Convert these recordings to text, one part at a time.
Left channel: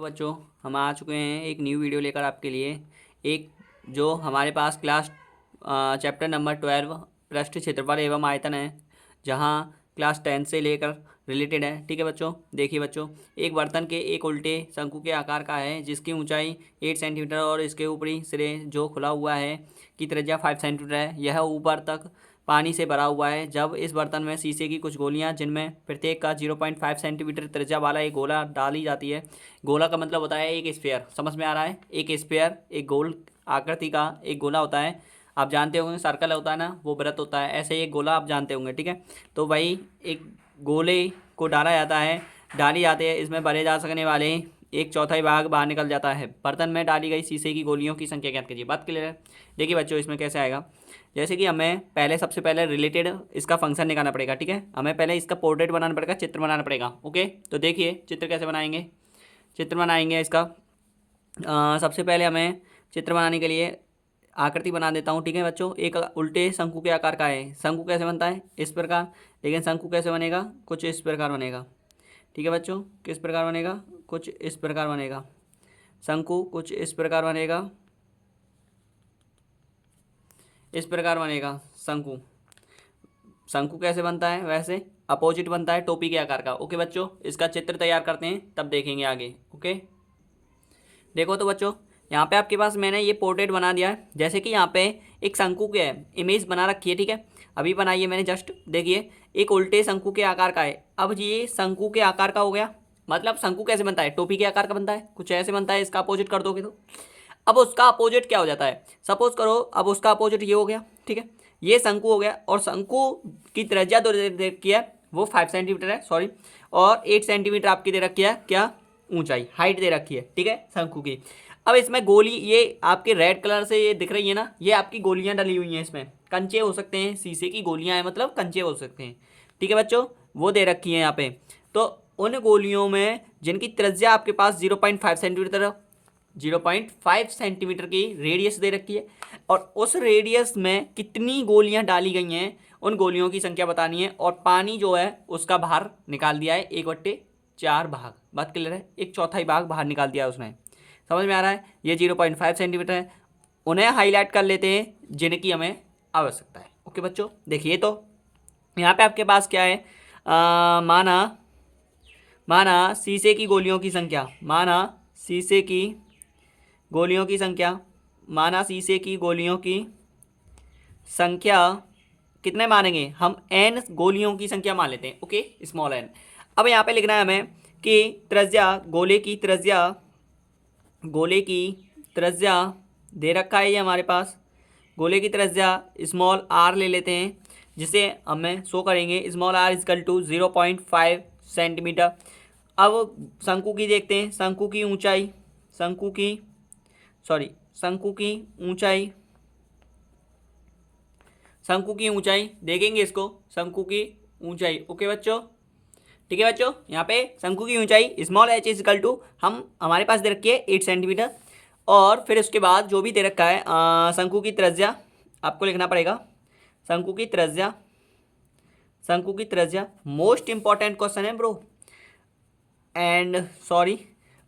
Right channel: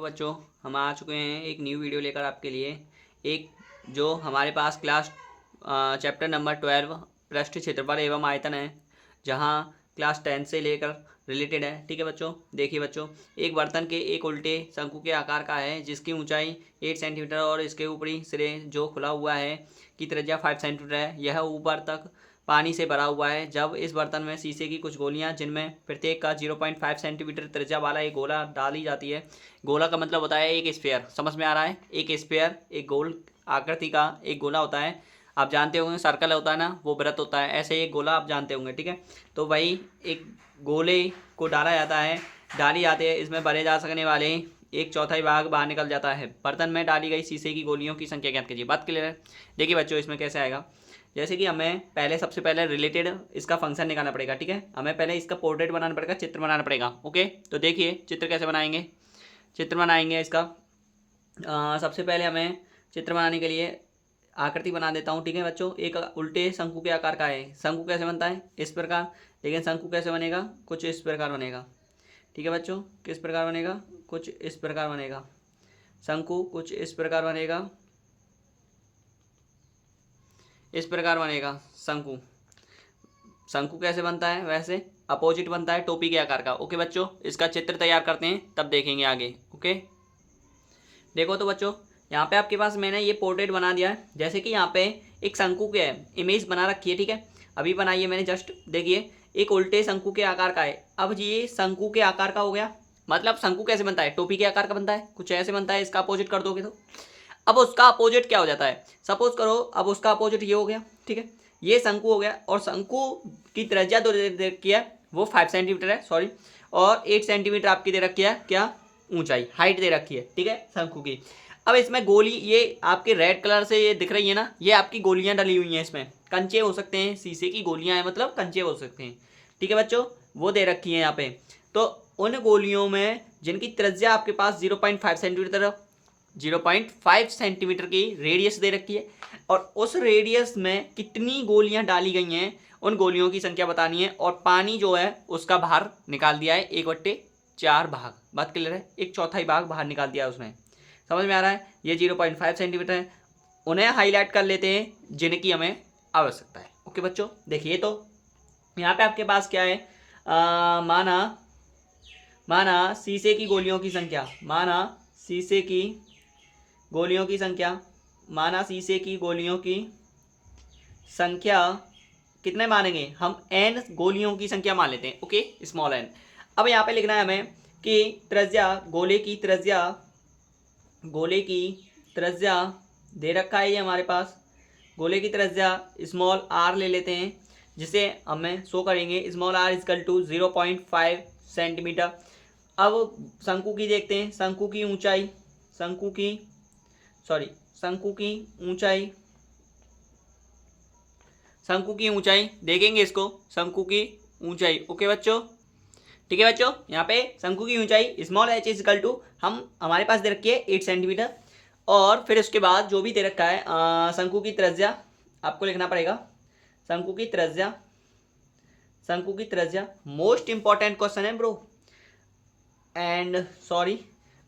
तो बच्चों, हम आ चुके हैं एक न्यू वीडियो लेकर आपके लिए। एक जो हमारे पास क्लास चैप्टर नंबर 12 पृष्ठ क्षेत्रफल एवं आयतन है, जहां क्लास 10 से लेकर रिलेटेड है। ठीक है बच्चों, देखिए बच्चों, एक बर्तन के एक उल्टे शंकु के आकार का है जिसकी ऊंचाई 8 सेंटीमीटर और इसके ऊपरी सिरे जो खुला हुआ है की त्रिज्या 5 सेंटीमीटर है। यह ऊपर तक पानी से भरा हुआ है। जब इस बर्तन में शीशे की कुछ गोलियां जिनमें प्रत्येक का 0.5 सेंटीमीटर त्रिज्या वाला एक गोला डाली जाती है। गोला का मतलब होता है एक स्फीयर, समझ में आ रहा है? एक स्फीयर, एक गोल आकृति का एक गोला होता है। आप जानते होंगे सर्कल होता है ना, वो वृत्त होता है। ऐसे एक गोला आप जानते होंगे। ठीक है, तो वही एक गोले को डाला जाता है, डाली जाती है। इसमें भरे जा सकने वाले एक चौथाई भाग बाहर निकल जाता है। बर्तन में डाली गई शीशे की गोलियों की संख्या ज्ञात कीजिए। बात क्लियर है? देखिए बच्चों, इसमें कैसे आएगा, जैसे कि हमें पहले सबसे पहले रिलेटेड इसका फंक्शन निकालना पड़ेगा। ठीक है, हमें पहले इसका पोर्ट्रेट बनाना पड़ेगा, चित्र बनाना पड़ेगा। ओके, तो देखिए चित्र कैसे बनाएंगे। चित्र बनाएंगे इसका सबसे पहले हमें चित्र बनाने के लिए आकृति बना देता हूँ। ठीक है बच्चों, एक उल्टे शंकु के आकार का है। शंकु कैसे बनता है? इस प्रकार। लेकिन शंकु कैसे बनेगा? कुछ इस प्रकार बनेगा। ठीक है बच्चों, किस प्रकार बनेगा? कुछ इस प्रकार बनेगा। शंकु कुछ इस प्रकार बनेगा, इस प्रकार बनेगा शंकु। शंकु कैसे बनता है? वैसे अपोजिट बनता है, टोपी के आकार का। ओके बच्चों, इसका चित्र तैयार करते हैं, तब देखेंगे आगे। ओके, देखो तो बच्चों, यहाँ पे आपके पास मैंने ये पोर्ट्रेट बना दिया है। जैसे कि यहाँ पे एक शंकु के इमेज बना रखी है। ठीक है, अभी बनाई है मैंने जस्ट। देखिए, एक उल्टे शंकु के आकार का है। अब ये शंकु के आकार का हो गया। मतलब शंकु कैसे बनता है? टोपी के आकार का बनता है, कुछ ऐसे बनता है। इसका अपोजिट कर दोगे तो अब उसका अपोजिट क्या हो जाता है? सपोज करो, अब उसका अपोजिट ये हो गया। ठीक है, ये शंकु हो गया और शंकु की त्रिज्या दे रखी है, वो 5 सेंटीमीटर है, सॉरी। और 8 सेंटीमीटर आपकी दे रखी है क्या? ऊंचाई, हाइट दे रखी है। ठीक है, शंकु की। अब इसमें गोली, ये आपके रेड कलर से ये दिख रही है ना, ये आपकी गोलियां डली हुई हैं। इसमें कंचे हो सकते हैं, शीशे की गोलियां हैं, मतलब कंचे हो सकते हैं। ठीक है बच्चों, वो दे रखी है यहाँ पे। तो उन गोलियों में जिनकी त्रिज्या आपके पास 0.5 सेंटीमीटर, 0.5 सेंटीमीटर की रेडियस दे रखी है, और उस रेडियस में कितनी गोलियां डाली गई हैं, उन गोलियों की संख्या बतानी है। और पानी जो है उसका बाहर निकाल दिया है 1/4 भाग। बात क्लियर है? एक चौथाई भाग बाहर निकाल दिया है उसने। समझ में आ रहा है? ये 0.5 सेंटीमीटर है। उन्हें हाईलाइट कर लेते हैं जिनकी हमें आवश्यकता है। ओके बच्चों, देखिए तो यहाँ पे आपके पास क्या है? माना माना शीशे की गोलियों की संख्या, माना शीशे की गोलियों की संख्या, माना शीशे की गोलियों की संख्या कितने मानेंगे हम? एन गोलियों की संख्या मान लेते हैं। Okay, small N. अब यहाँ पे लिखना है हमें कि त्रिज्या, गोले की त्रिज्या दे रखा है ये हमारे पास। गोले की त्रिज्या स्मॉल आर ले लेते हैं, जिसे हमें शो करेंगे small R is equal to 0.5 centimetre. अब शंकु की देखते हैं, शंकु की ऊंचाई, शंकु की सॉरी शंकु की ऊंचाई, शंकु की ऊंचाई देखेंगे इसको, शंकु की ऊंचाई। ओके बच्चों, ठीक है बच्चों, यहाँ पे शंकु की ऊंचाई small H is equal to, हम हमारे पास दे रखी है 8 सेंटीमीटर। और फिर उसके बाद जो भी दे रखा है शंकु की त्रिज्या आपको लिखना पड़ेगा। शंकु की त्रिज्या, शंकु की त्रिज्या मोस्ट इंपॉर्टेंट क्वेश्चन है ब्रो। एंड सॉरी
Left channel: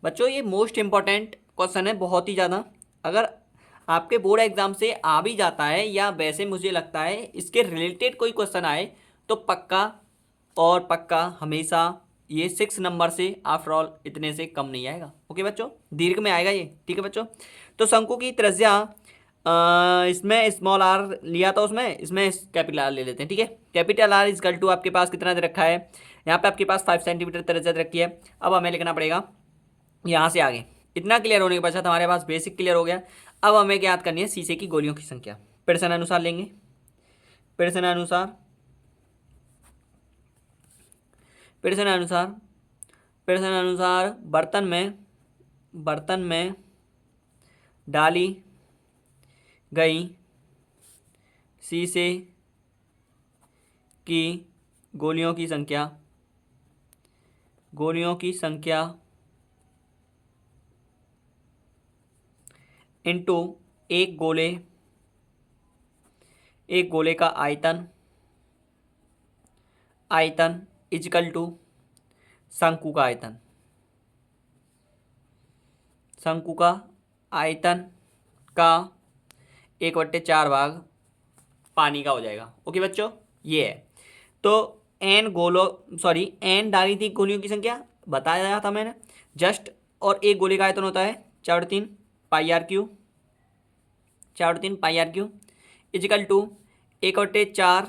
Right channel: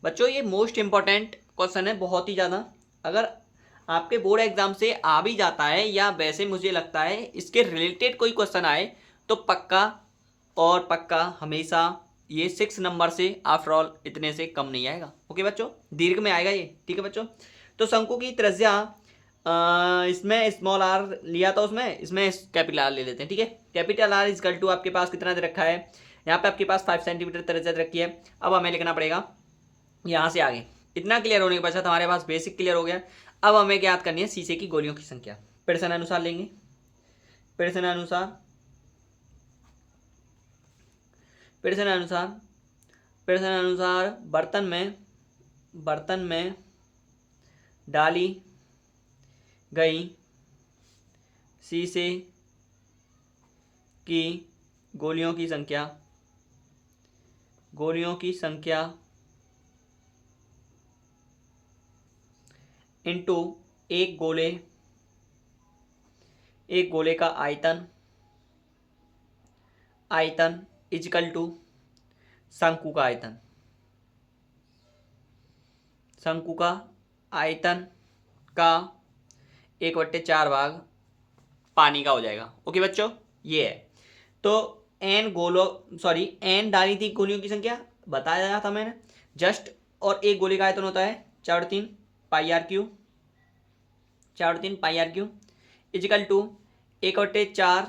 बच्चों, ये मोस्ट इंपॉर्टेंट क्वेश्चन है बहुत ही ज़्यादा। अगर आपके बोर्ड एग्जाम से आ भी जाता है, या वैसे मुझे लगता है इसके रिलेटेड कोई क्वेश्चन आए, तो पक्का और पक्का हमेशा ये 6 नंबर से, आफ्टर ऑल इतने से कम नहीं आएगा। ओके बच्चों, दीर्घ में आएगा ये। ठीक है बच्चों, तो शंकु की त्रिज्या इसमें स्मॉल आर लिया था उसमें, इसमें कैपिटल आर ले लेते हैं। ठीक है, कैपिटल आर इजकल टू आपके पास कितना दे रखा है? यहाँ पे आपके पास 5 सेंटीमीटर त्रिज्या रखी है। अब हमें लिखना पड़ेगा यहाँ से आगे। इतना क्लियर होने के पश्चात हमारे पास बेसिक क्लियर हो गया। अब हमें क्या याद करनी है? शीशे की गोलियों की संख्या प्रश्न अनुसार लेंगे। प्रश्न अनुसार, प्रश्न अनुसार, प्रश्न अनुसार बर्तन में डाली गई शीशे की गोलियों की संख्या, गोलियों की संख्या इनटू एक गोले का आयतन, आयतन इजकल टू शंकु का आयतन। शंकु का आयतन का 1/4 भाग पानी का हो जाएगा। ओके बच्चों, ये है। तो एन डाली थी गोलियों की संख्या बताया था मैंने जस्ट, और एक गोली का आयतन होता है 4/3 पाई आर क्यू इजिकल टू 1/4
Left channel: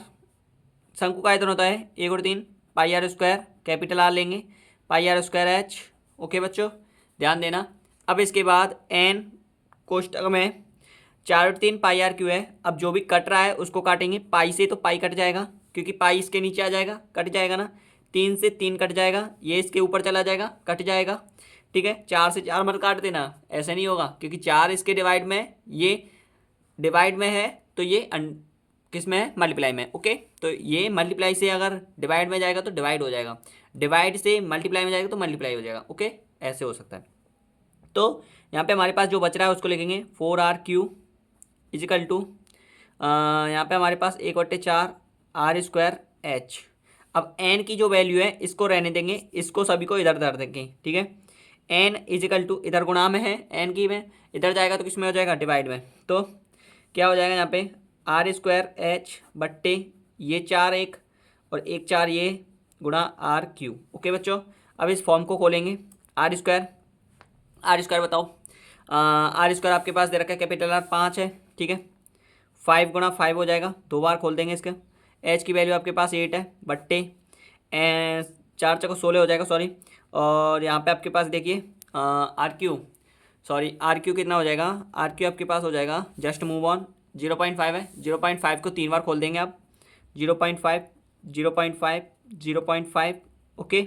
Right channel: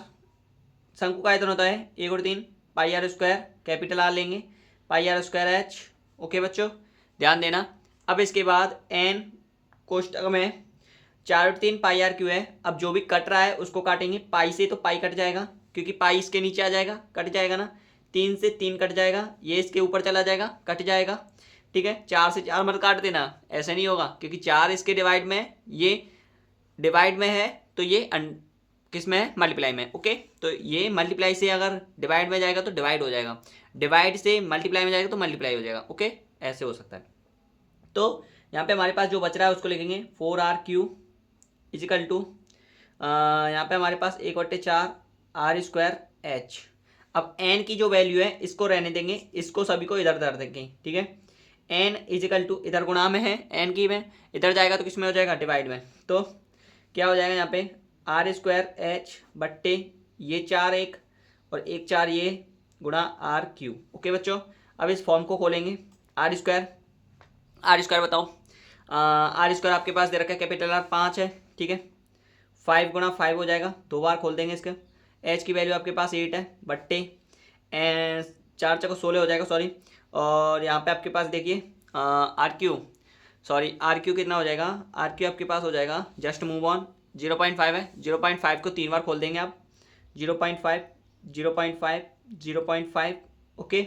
शंकु का आयतन होता है 1/3 पाई आर स्क्वायर, कैपिटल आर लेंगे, पाई आर स्क्वायर एच। ओके बच्चों, ध्यान देना। अब इसके बाद एन कोष्टक में 4/3 पाई आर क्यू है। अब जो भी कट रहा है उसको काटेंगे, पाई से तो पाई कट जाएगा क्योंकि पाई इसके नीचे आ जाएगा, कट जाएगा ना। 3 से 3 कट जाएगा, ये इसके ऊपर चला जाएगा, कट जाएगा। ठीक है, 4 से 4 मत काट देना, ऐसा नहीं होगा क्योंकि 4 इसके डिवाइड में है, ये डिवाइड में है, तो ये किस में है, मल्टीप्लाई में। ओके, तो ये मल्टीप्लाई से अगर डिवाइड में जाएगा तो डिवाइड हो जाएगा, डिवाइड से मल्टीप्लाई में जाएगा तो मल्टीप्लाई हो जाएगा। ओके, ऐसे हो सकता है। तो यहाँ पे हमारे पास जो बच रहा है उसको लिखेंगे 4r³ इजिकल टू, यहाँ पे हमारे पास 1/4 r² अब एन की जो वैल्यू है इसको रहने देंगे, इसको सभी को इधर धर देंगे। ठीक है, एन इजिकल टू, इधर गुणा में है एन की में, इधर जाएगा तो किस में हो जाएगा, डिवाइड में। तो क्या हो जाएगा यहाँ पे r²h बट्टे ये 4 एक और 1 4 ये गुणा r³ ओके बच्चों, अब इस फॉर्म को खोलेंगे। आर स्क्वायर बताओ, r² आपके पास दे रखा है कैपिटल आर 5 है। ठीक है, 5 गुणा 5 हो जाएगा, 2 बार खोल देंगे इसके। एच की वैल्यू आपके पास 8 है बट्टे 4 × 16 हो जाएगा, सॉरी। और यहाँ पे आपके पास देखिए आर क्यू कितना हो जाएगा, आर क्यू आपके पास हो जाएगा, जस्ट मूव ऑन, 0.5 है, 0.5 को 3 बार खोल देंगे आप, 0.5 0.5 0.5 ओके।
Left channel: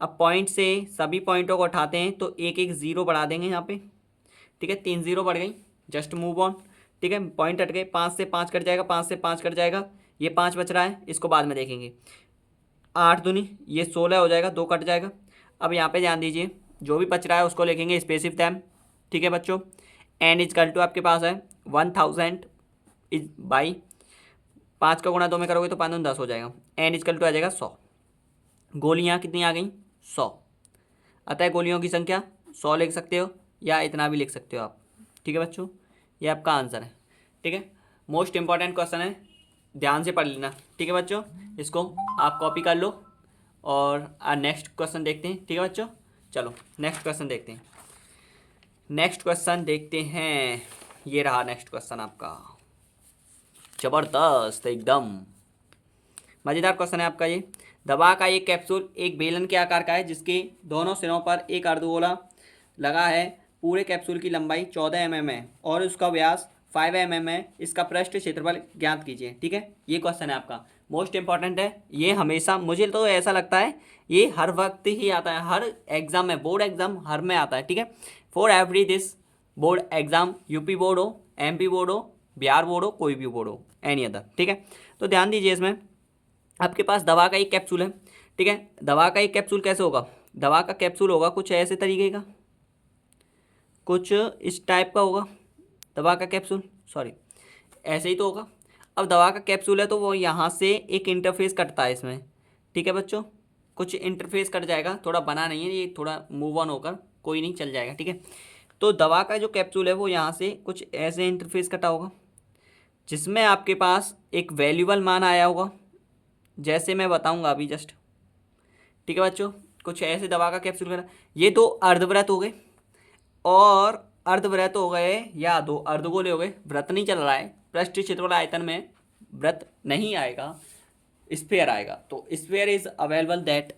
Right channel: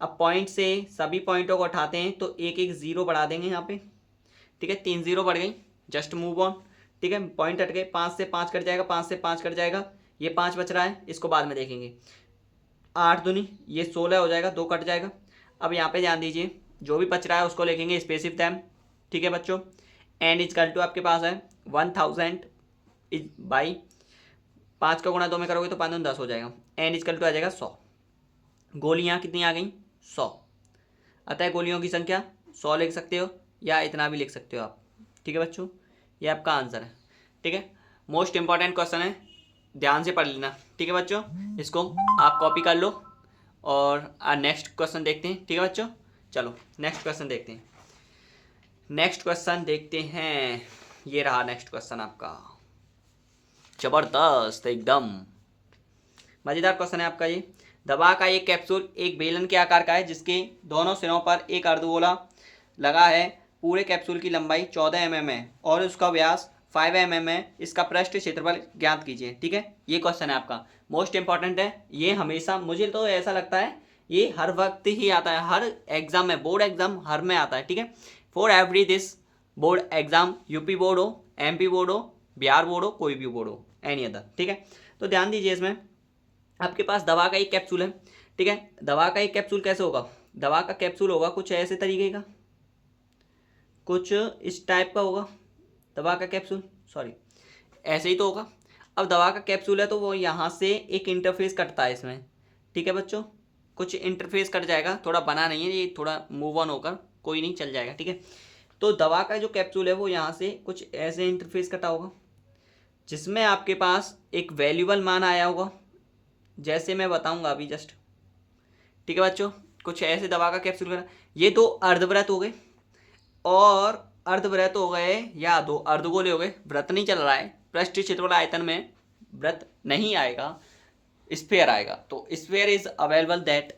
अब पॉइंट से सभी पॉइंटों को उठाते हैं तो एक एक ज़ीरो बढ़ा देंगे यहाँ पे। ठीक है, 3 0 बढ़ गई, जस्ट मूव ऑन। ठीक है, पॉइंट हट गए, 5 से 5 कट जाएगा, 5 से 5 कट जाएगा, ये 5 बच रहा है, इसको बाद में देखेंगे। 8 दूनी ये 16 हो जाएगा, 2 कट जाएगा। अब यहाँ पे ध्यान दीजिए, जो भी बच रहा है उसको लिखेंगे स्पेसिफिक टाइम। ठीक है बच्चों, एन इजकल टू आपके पास है 1000 बाई 5 का गुणा 2 में करोगे तो 5 10 हो जाएगा, एन इजकल टू आ जाएगा 100। गोलियाँ कितनी आ गई, 100। अतः गोलियों की संख्या 100 लिख सकते हो या इतना भी लिख सकते हो आप। ठीक है बच्चों, ये आपका आंसर है। ठीक है, मोस्ट इंपॉर्टेंट क्वेश्चन है, ध्यान से पढ़ लेना। ठीक है बच्चों, इसको आप कॉपी कर लो और नेक्स्ट क्वेश्चन देखते हैं। ठीक है बच्चों, चलो नेक्स्ट क्वेश्चन देखते हैं। नेक्स्ट क्वेश्चन देखते हैं, ये रहा नेक्स्ट क्वेश्चन आपका, जबरदस्त एकदम मज़ेदार क्वेश्चन है आपका ये। दवा का एक कैप्सूल एक बेलन के आकार का है जिसके दोनों सिरों पर एक अर्धगोला लगा है। पूरे कैप्सूल की लंबाई 14 mm है और उसका व्यास 5 mm है। इसका पृष्ठ क्षेत्रफल ज्ञात कीजिए। ठीक है, ये क्वेश्चन है आपका, मोस्ट इंपॉर्टेंट है ये। हमेशा मुझे तो ऐसा लगता है ये हर वक्त ही आता है, हर एग्जाम में, बोर्ड एग्जाम हर में आता है। ठीक है, for every this board exam, UP board हो, MP बोर्ड हो, बिहार बोर्ड हो, कोई भी बोर्ड हो, एनी अदर। ठीक है, तो ध्यान दीजिए, इसमें आपके पास दवा का एक कैप्सूल है। ठीक है, दवा का एक कैप्सूल कैसे होगा, दवा का कैप्सूल होगा कुछ ऐसे तरीके का, कुछ इस टाइप का होगा दवा का कैप्सूल, सॉरी ऐसे ही तो होगा। अब दवा का कैप्सूल है तो वो यहाँ से एक इंटरफेस कटता है इसमें। ठीक है बच्चों, कुछ इंटरफेस कट जाएगा, थोड़ा बना नहीं है ये, थोड़ा मूव ऑन होकर, कोई नहीं, चल जाएगा। ठीक है, तो दवा का जो कैप्सूल है वो यहाँ से कुछ ऐसे इंटरफेस कटा होगा जिसमें आपके पास एक वैल्यूबल मान आया होगा, जैसे मैं बताऊंगा अभी जस्ट। ठीक है बच्चों, कुछ ऐसे दवा का कैप्सूल करा, ये 2 अर्धवृत्त हो गए और अर्धवृत्त हो गए या 2 अर्धगोले हो गए। वृत्त नहीं चल रहा है, पृष्ठ क्षेत्रफल आयतन में वृत्त नहीं आएगा, स्फेयर आएगा। तो स्फेयर इज अवेलेबल दैट,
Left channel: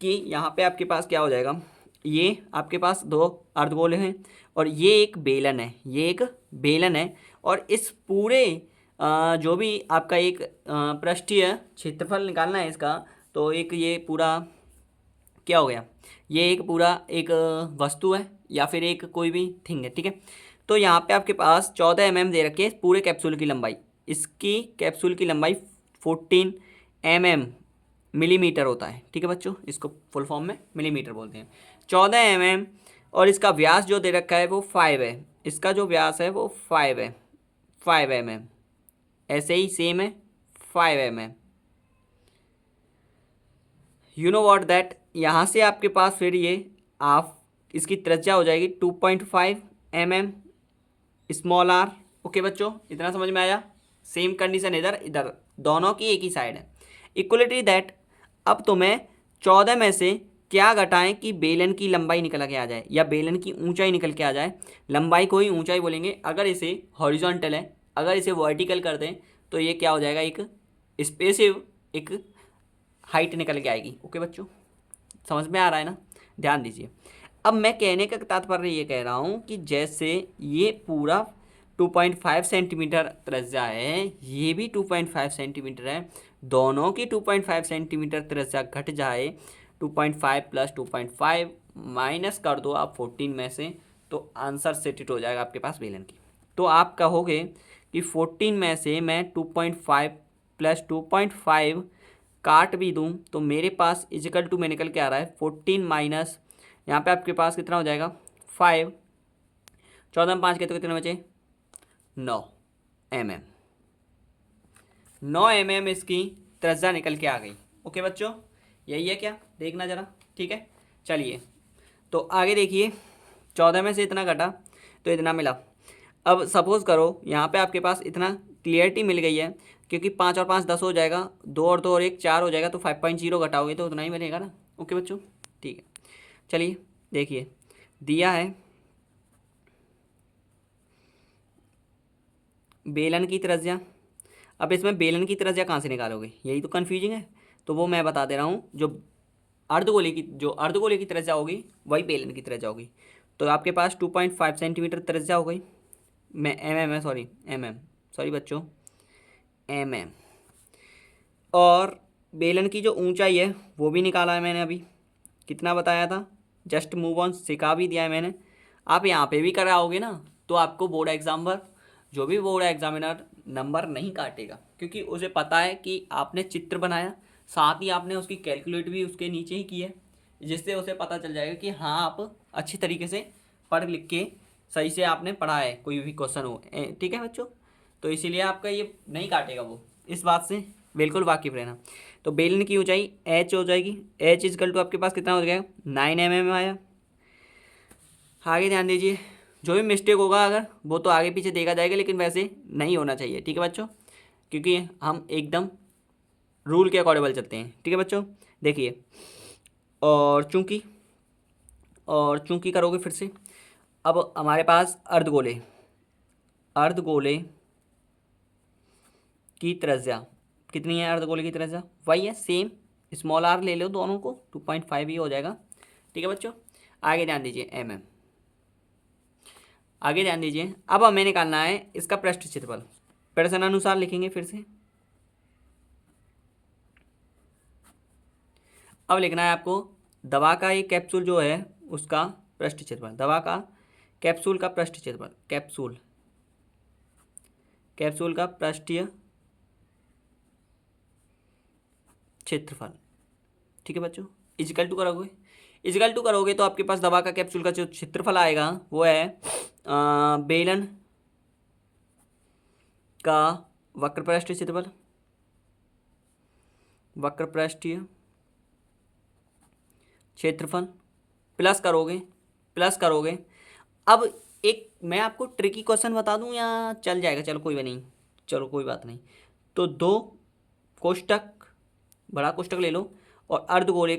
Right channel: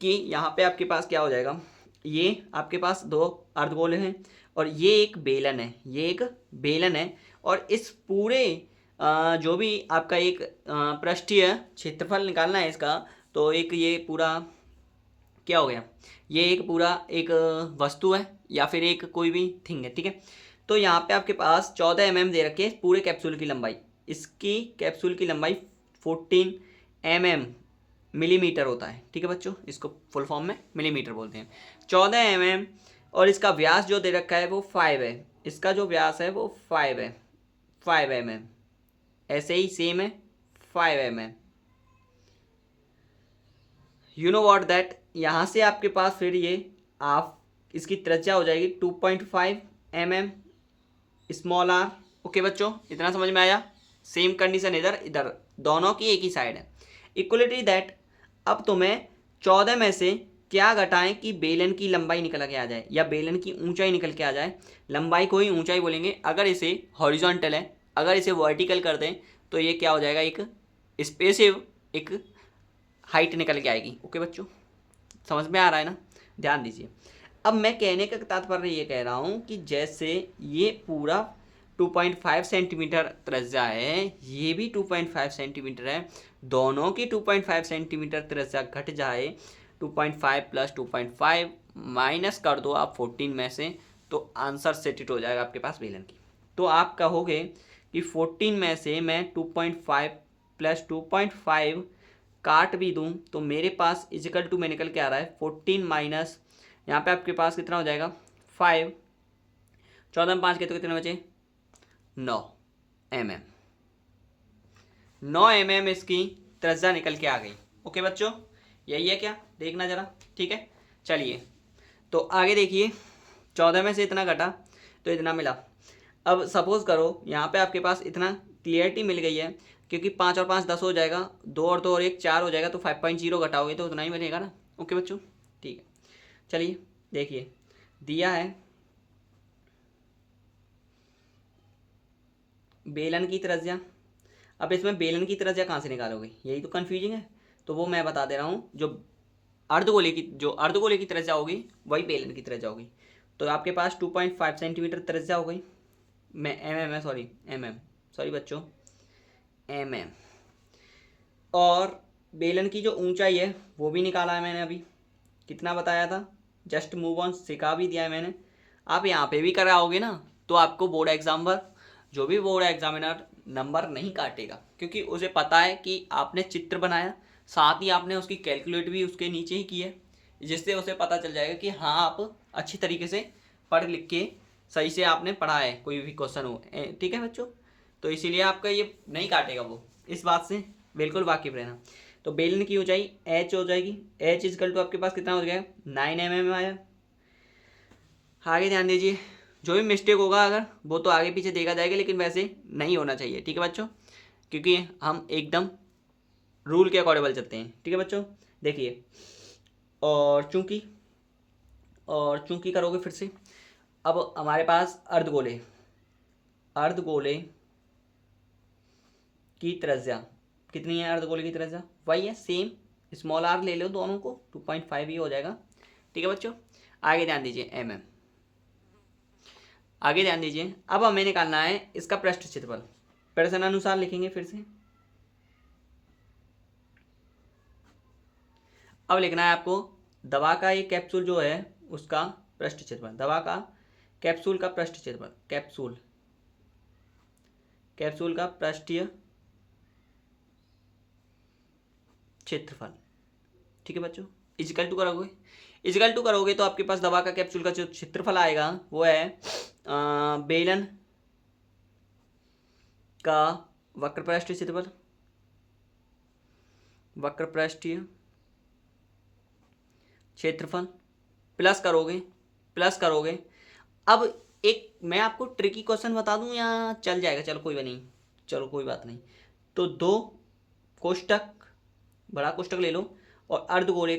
कि यहाँ पे आपके पास क्या हो जाएगा, ये आपके पास 2 अर्धगोले हैं और ये एक बेलन है, ये एक बेलन है। और इस पूरे जो भी आपका एक पृष्ठीय क्षेत्रफल निकालना है इसका, तो एक ये पूरा क्या हो गया, ये एक पूरा एक वस्तु है या फिर एक कोई भी थिंग है। ठीक है, तो यहाँ पे आपके पास 14 mm दे रखे पूरे कैप्सूल की लंबाई। इसकी कैप्सूल की लंबाई 14 mm मिलीमीटर होता है। ठीक है बच्चों, इसको फुल फॉर्म में मिलीमीटर बोलते हैं। 14 mm और इसका व्यास जो दे रखा है वो 5 है, इसका जो व्यास है वो 5 है, 5 mm, ऐसे ही सेम है 5 mm। You know what that, यहाँ से आपके पास फिर ये आप इसकी त्रिज्या हो जाएगी 2.5 mm स्मॉल आर। ओके बच्चों, इतना समझ में आया। सेम कंडीशन इधर इधर दोनों की एक ही साइड है। इक्वलिटी दैट, अब तुम्हें 14 में से क्या घटाएं कि बेलन की लंबाई निकल के आ जाए या बेलन की ऊंचाई निकल के आ जाए। लंबाई को ही ऊंचाई बोलेंगे। अगर इसे हॉरिजॉन्टल है, अगर इसे वर्टिकल कर दें तो ये क्या हो जाएगा, एक स्पेसिव एक हाइट निकल के आएगी। ओके बच्चों, समझ में आ रहा है ना, ध्यान दीजिए। अब मैं कहने का तात्पर्य ये कह रहा हूँ कि जैसे ये पूरा 2.5 सेंटीमीटर त्रिज्या है, ये भी 2.5 सेंटीमीटर है, दोनों की 2.5 सेंटीमीटर त्रिज्या घट जाए, 2.5 प्लस 2.5 माइनस कर दो आप 14 में से, तो आंसर सेट हो जाएगा आपके पास बेलन की। तो आप कहोगे कि 14 में से मैं 2.5 प्लस 2.5 काट भी दूं तो मेरे पास इजिकल टू में निकल के आ रहा है 14 माइनस, यहाँ पे आपके पास कितना हो जाएगा 5, 14 में 5 के तो कितने बचे 9 mm। 9 mm इसकी त्रिज्या निकल के आ गई। ओके बच्चों, यही है क्या, देखना जरा, ठीक है। चलिए तो आगे देखिए, 14 में से इतना घटा तो इतना मिला। अब सपोज करो यहाँ पे आपके पास इतना क्लियरिटी मिल गई है, क्योंकि 5 और 5 10 हो जाएगा, 2 और 2 और 1 4 हो जाएगा, तो 5.0 घटाओगे तो उतना ही बनेगा ना। ओके बच्चों, ठीक है। चलिए देखिए, दिया है बेलन की त्रिज्या। अब इसमें बेलन की त्रिज्या कहाँ से निकालोगे, यही तो कन्फ्यूजिंग है। तो वो मैं बता दे रहा हूँ, जो अर्धगोले की त्रिज्या होगी वही बेलन की त्रिज्या होगी। तो आपके पास 2.5 सेंटीमीटर त्रिज्या हो गई, मैं सॉरी बच्चों mm। और बेलन की जो ऊंचाई है वो भी निकाला है मैंने, अभी कितना बताया था, जस्ट मूव ऑन सिखा भी दिया है मैंने। आप यहाँ पे भी कराओगे ना तो आपको बोर्ड एग्जाम पर जो भी बोर्ड एग्जामिनर नंबर नहीं काटेगा, क्योंकि उसे पता है कि आपने चित्र बनाया, साथ ही आपने उसकी कैलकुलेट भी उसके नीचे ही की है, जिससे उसे पता चल जाएगा कि हाँ आप अच्छी तरीके से पढ़ लिख के सही से आपने पढ़ा है, कोई भी क्वेश्चन हो। ठीक है बच्चों, तो इसीलिए आपका ये नहीं काटेगा वो, इस बात से बिल्कुल वाकिफ रहना। तो बेलन की ऊंचाई h हो जाएगी, h इजकल टू आपके पास कितना हो गया 9 mm आया। आगे ध्यान दीजिए, जो भी मिस्टेक होगा अगर वो तो आगे पीछे देखा जाएगा, लेकिन वैसे नहीं होना चाहिए, ठीक है बच्चों, क्योंकि हम एकदम रूल के अकॉर्डिंग चलते हैं। ठीक है बच्चों, देखिए, और चूंकि करोगे फिर से। अब हमारे पास अर्धगोले की त्रिज्या कितनी है, अर्धगोले की त्रिज्या वही है सेम, स्मॉल आर ले लो दोनों को, 2.5 ही हो जाएगा। ठीक है बच्चों, आगे ध्यान दीजिए आगे ध्यान दीजिए। अब हमें निकालना है इसका पृष्ठ क्षेत्रफल, प्रश्न अनुसार लिखेंगे फिर से। अब लिखना है आपको दवा का एक कैप्सूल जो है उसका पृष्ठ क्षेत्रफल, दवा का कैप्सूल का पृष्ठ क्षेत्रफल, कैप्सूल का पृष्ठीय क्षेत्रफल। ठीक है बच्चों, इजिकल टू करोगे तो आपके पास दवा का कैप्सूल का जो क्षेत्रफल आएगा वो है बेलन का वक्रपृष्ठीय क्षेत्रफल, वक्रपृष्ठीय क्षेत्रफल प्लस करोगे। अब एक मैं आपको ट्रिकी क्वेश्चन बता दूं या चल जाएगा, चलो कोई बात नहीं। तो दो कोष्टक, बड़ा कोष्टक ले लो, और अर्धगोले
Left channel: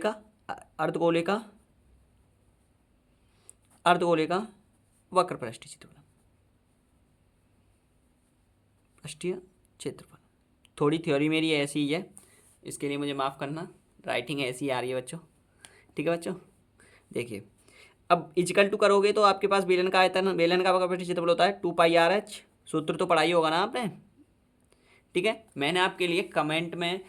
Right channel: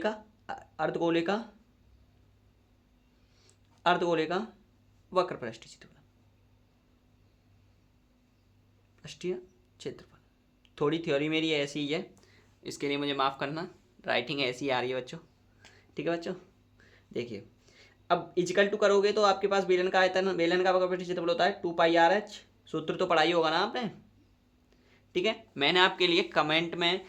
का वक्रपृष्ठीय क्षेत्रफल। थोड़ी थ्योरी मेरी ऐसी ही है, इसके लिए मुझे माफ़ करना, राइटिंग ऐसी आ रही है बच्चों। ठीक है बच्चों, देखिए, अब इजिकल टू करोगे तो आपके पास बेलन का वक्रपृष्ठीय क्षेत्रफल होता है 2πr/h। सूत्र तो पढ़ाई होगा ना आपने, ठीक है। मैंने आपके लिए कमेंट में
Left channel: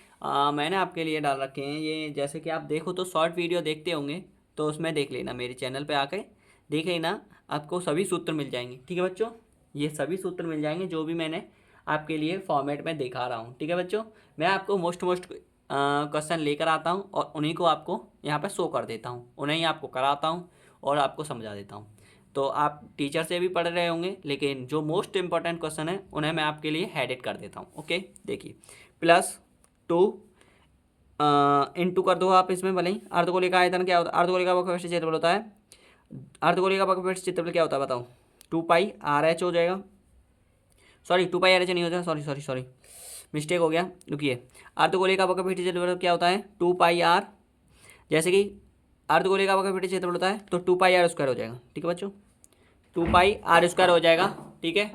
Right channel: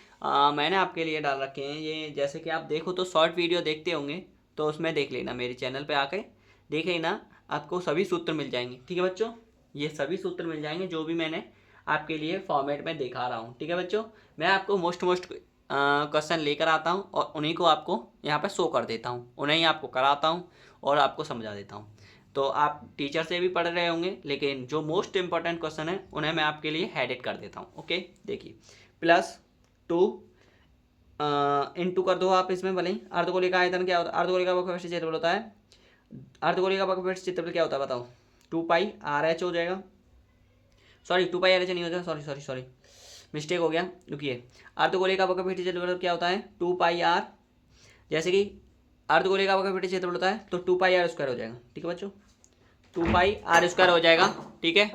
मैंने आपके लिए डाल रखे हैं ये, जैसे कि आप देखो तो शॉर्ट वीडियो देखते होंगे तो उसमें देख लेना, मेरे चैनल पे आकर देख लेना, आपको सभी सूत्र मिल जाएंगे। ठीक है बच्चों, ये सभी सूत्र मिल जाएंगे जो भी मैंने आपके लिए फॉर्मेट में दिखा रहा हूँ। ठीक है बच्चों, मैं आपको मोस्ट क्वेश्चन लेकर आता हूँ और उन्हीं को आपको यहाँ पर शो कर देता हूँ, उन्हें ही आपको कराता हूँ और आपको समझा देता हूँ। तो आप टीचर से भी पढ़ रहे होंगे, लेकिन जो मोस्ट इंपॉर्टेंट क्वेश्चन है उन्हें मैं आपके लिए हेडेड कर देता हूँ। ओके, देखिए, +2 इंटू कर दो आप इसमें, भले ही अर्धगोले का आयतन क्या होता है, अर्धगोले का वक्रपृष्ठीय क्षेत्रफल होता है अर्धगोले का वक्रपृष्ठ क्षेत्रफल क्या होता है बताओ? 2πr(h) हो जाएगा। सॉरी 2πr(h) नहीं हो जाएगा, सॉरी मिस्टेक हो गया, रुकिए। अर्धगोले का वक्रपृष्ठ क्षेत्रफल क्या होता है? 2πr। जैसे कि अर्धगोले का वक्रपृष्ठ क्षेत्रफल होता है तो 2πr² हो जाएगा। ठीक है बच्चों, 2πr² हो जाएगा। ठीक है,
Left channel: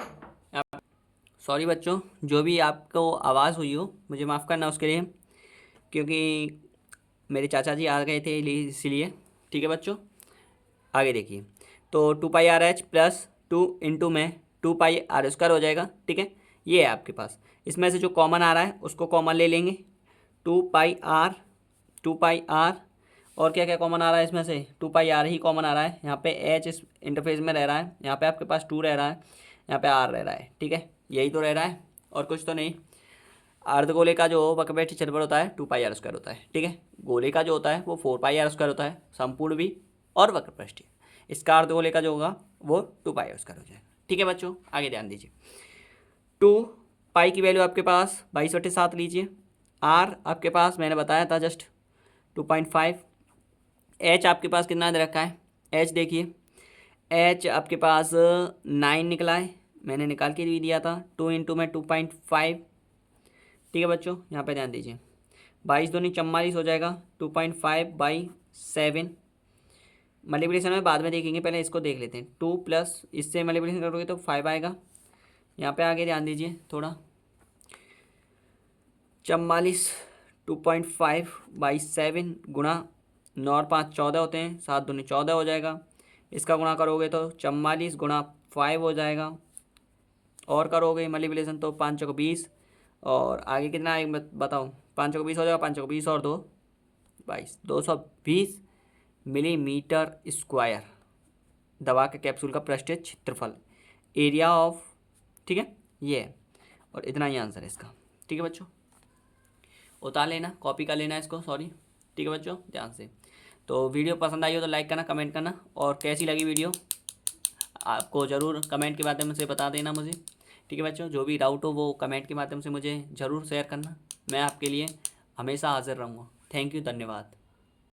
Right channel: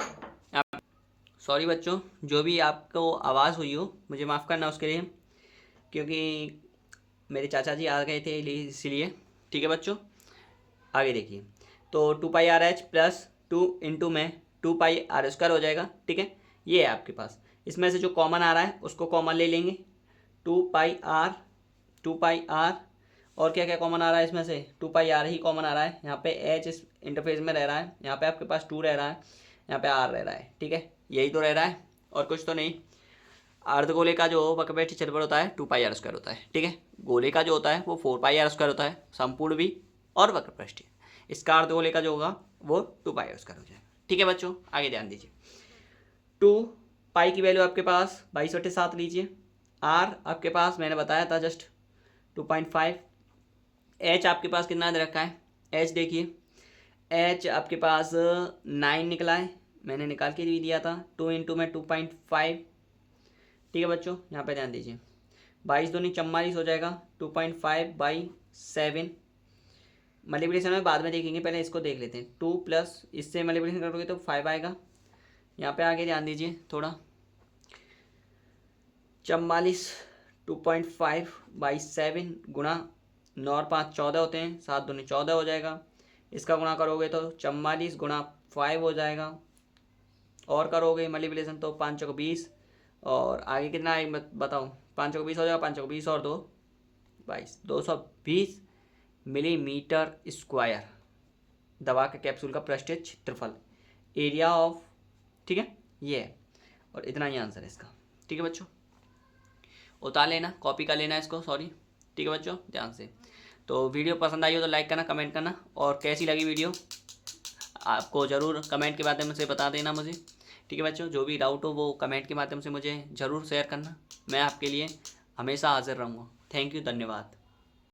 सॉरी बच्चों, जो भी आपको आवाज़ हुई हो मुझे माफ़ करना उसके लिए, क्योंकि मेरे चाचा जी आ गए थे इसीलिए। ठीक है बच्चों, आगे देखिए। तो 2πr(h) प्लस 2 इंटू में 2πr² हो जाएगा। ठीक है, ये है आपके पास। इसमें से जो कॉमन आ रहा है उसको कॉमन ले लेंगे। 2πr और क्या क्या कॉमन आ रहा है इसमें से? 2πr ही कॉमन आ रहा है। यहाँ पे h इस इंटरफेस में रह रहा है, यहाँ पे आपके पास 2 रह रहा है, यहाँ पे r रह रहा है। ठीक है, यही तो रह रहा है और कुछ तो नहीं। अर्धगोले का जो वक्रपृष्ठ क्षेत्रफल होता है 2πr² होता है। ठीक है, गोले का जो होता है वो 4πr² होता है, संपूर्ण भी और वक्रपृष्ठ। इसका अर्धगोले का जो होगा वो 2πr² हो जाएगा। ठीक है बच्चों, आगे ध्यान दीजिए। 2π की वैल्यू आपके पास 22/7 लीजिए। r आपके पास मैंने बताया था जस्ट 2.5। h आपके पास कितना दे रखा है? h देखिए, h आपके पास 9 निकला है, मैंने निकाल के भी दिया था। 2 इंटू में 2.5। ठीक है बच्चों, यहाँ पे ध्यान दीजिए। 22 दूनी 44 हो जाएगा। 2.5/7 मल्टीप्लिकेशन में बाद में देखेंगे, पहले इसको देख लेते हैं। 2 प्लस इससे मल्टीप्लिकेशन करोगे तो 5 आएगा। यहाँ पे आगे ध्यान दीजिए थोड़ा। 44 2.5/7 गुणा 9 और 5 14 होते हैं, 7 दूनी 14 हो जाएगा। इसका गुणा करोगे तो 44 गुणा 5 हो जाएगा, और करोगे मल्टीप्लिकेशन तो 5 चौक 20, और आगे कितना आएगा बताओ? 5 चौक 20 हो जाएगा, 5 चौक 20 और 2 22, 220 मिलीमीटर स्क्वायर दवा के कैप्सूल का पृष्ठीय क्षेत्रफल, एरिया ऑफ। ठीक है, ये है, और इतना ही आंसर है इसका। ठीक है बच्चों, उतार लेना, कॉपी कर लेना इसको, सॉरी। ठीक है बच्चों, ध्यान से। तो वीडियो पसंद आई हो तो लाइक करना, कमेंट करना, और कैसी लगी वीडियो आपको ज़रूर कमेंट के माध्यम से बता देना मुझे। ठीक है बच्चों, जो भी डाउट हो वो कमेंट के माध्यम से मुझे ज़रूर शेयर करना, मैं आपके लिए हमेशा हाजिर रहूँगा। थैंक यू, धन्यवाद।